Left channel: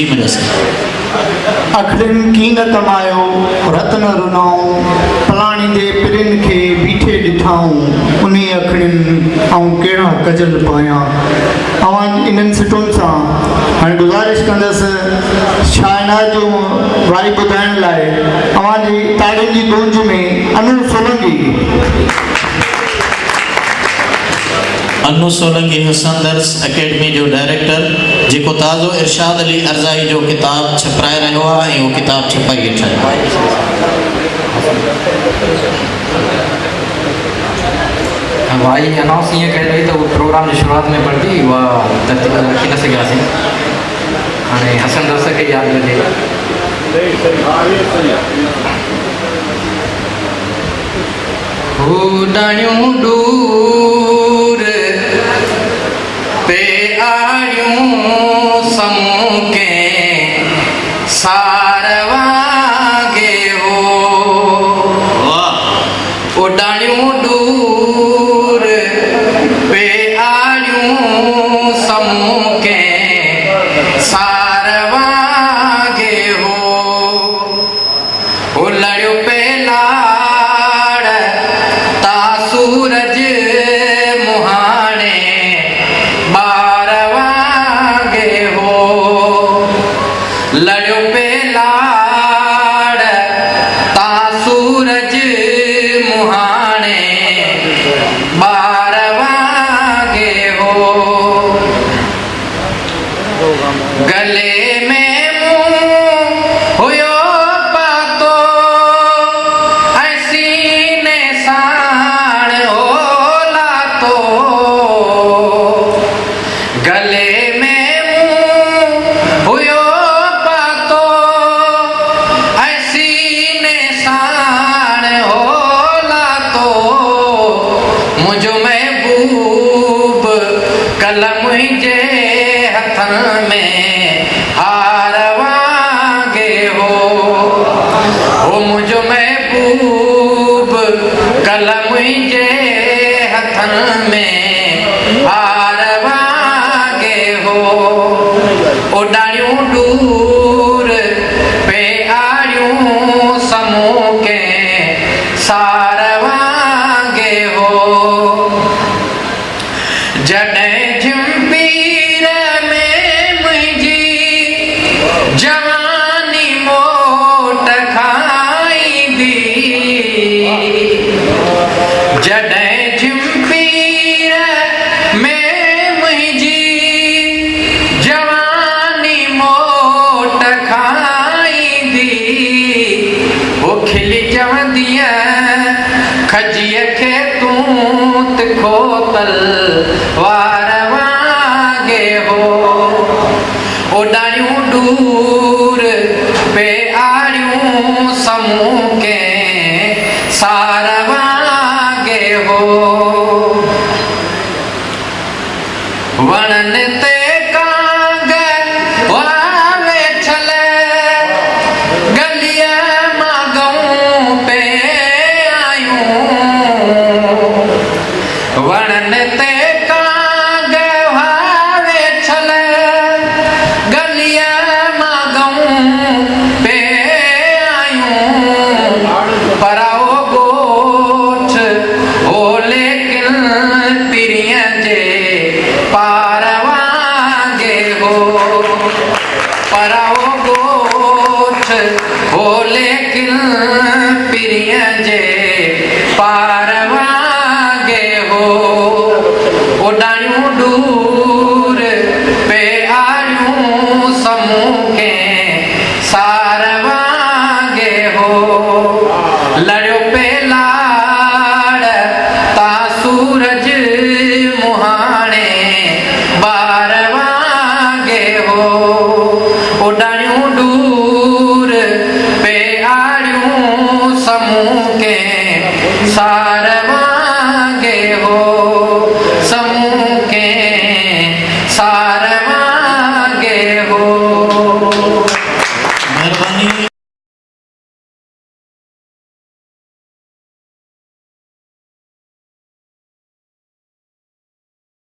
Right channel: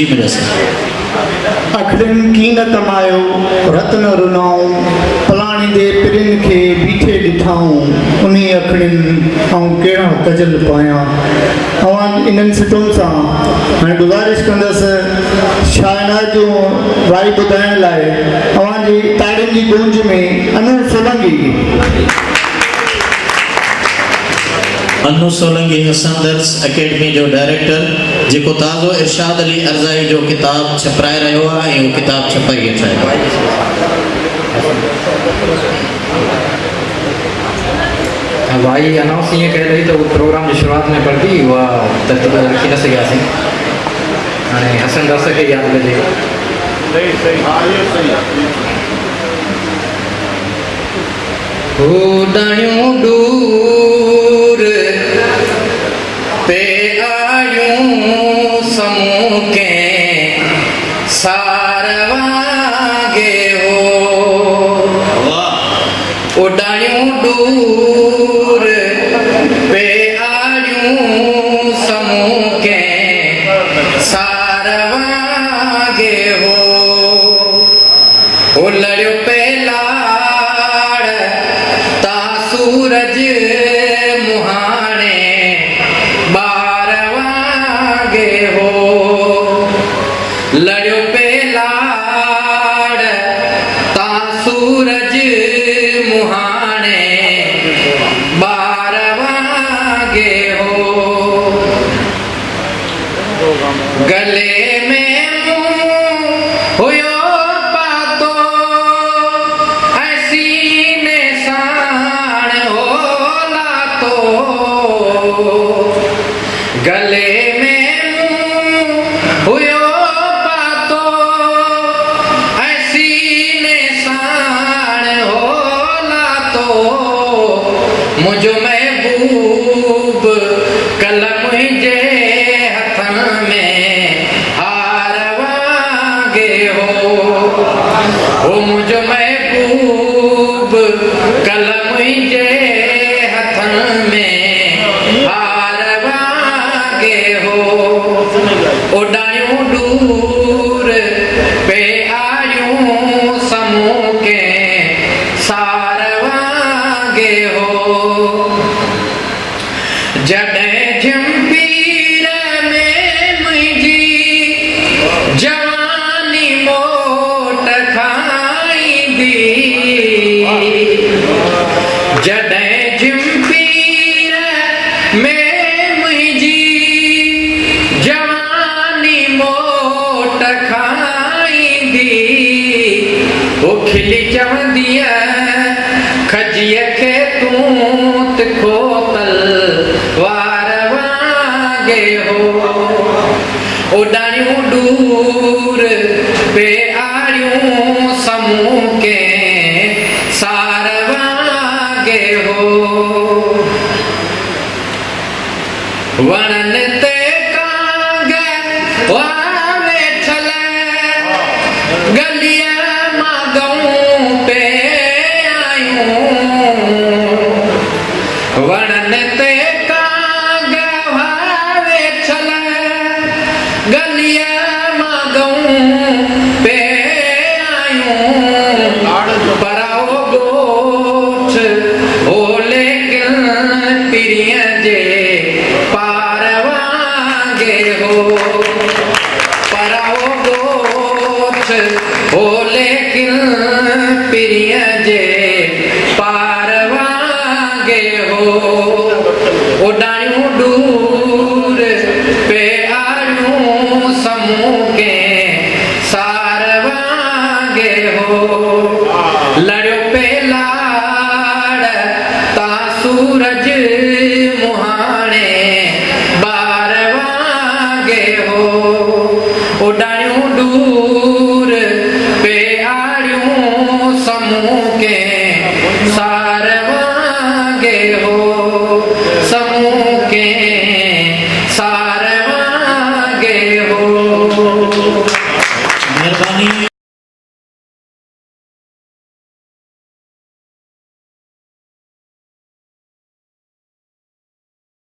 जी मेरा सर। अखड़न कीन तमायो रत्न रुनाऊं फलाणी दे पिरिन के बीठे ॾिठाऊं उन्हीं अखड़न ऐं कहिड़ा कजल पायां। अवां इन्हनि सिटुनि सां हाणे गुज़ारिश कंदसि शायनात जो वाई ॿुधाइण लाइ अवां जी ताड़ियुनि जी गूंज में अनु सोलंकी। अनु सोलंकी हसनदर्स अकेडमी जो डायरेक्टर जेको ताज़ो इरशाद अली अर्ज़ाई जो किताब छपाए रहियो आहे ऐं उहो किताब छपाई वेठो आहे। भाई अनाउंस ये कह रही तो वो प्रोग्राम की शुरुआत में पढ़ दी वह तब तक रखी न सकिया थे हाणे हसनदर्स खे याद कजे डाणियूं दूर पे आयूं समूके सारवागे हो ओ डाणियूं दूर पे आयूं समूके सारवागे हो ओ लड़ियो पे सूरज मुहाने बारवागे हो लड़ो पे लाड़ ता सूरज मुहाने बारवागे हो गले में होयो पातो ऐसी ने साण होला तो गले में हुयो पातो ऐसी ने साण होला तो मुझो महबूब कलम जे हथन में हार वागे हो मुझो महबूब कलम जे हथन में हार वागे हो ओ डाणियूं दूर पे आयूं समूके सार वागे हो जॾहिं झंपीर में मुंहिंजी जवानी मोट खाईंदी जॾहिं झंपीर में मुंहिंजी जवानी मोट खाईंदी वो खिली चवंदीअ खजीअ खे तूं तिखो तलवार वागे हो ओ डाणियूं दूर पे आड़ियूं समूके सार वागे हो वणन ते कांग वावे छल गलिया मागऊं पे आयूं वणन ते कांग वावे छल गलिया मागऊं पे आयूं पराओ गोठ हो लेकिन पिरिय जे पार वागे हो पराओ गोठ हो लेकिन पिरिय जे पार वागे हो ओ डाणियूं दूर पे आयूं समूके सार वागे हो लड़ो पे लाड़ ता सूरज मुहाने बार वागे हो ओ डाणियूं दूर पे आड़ियूं समूके सार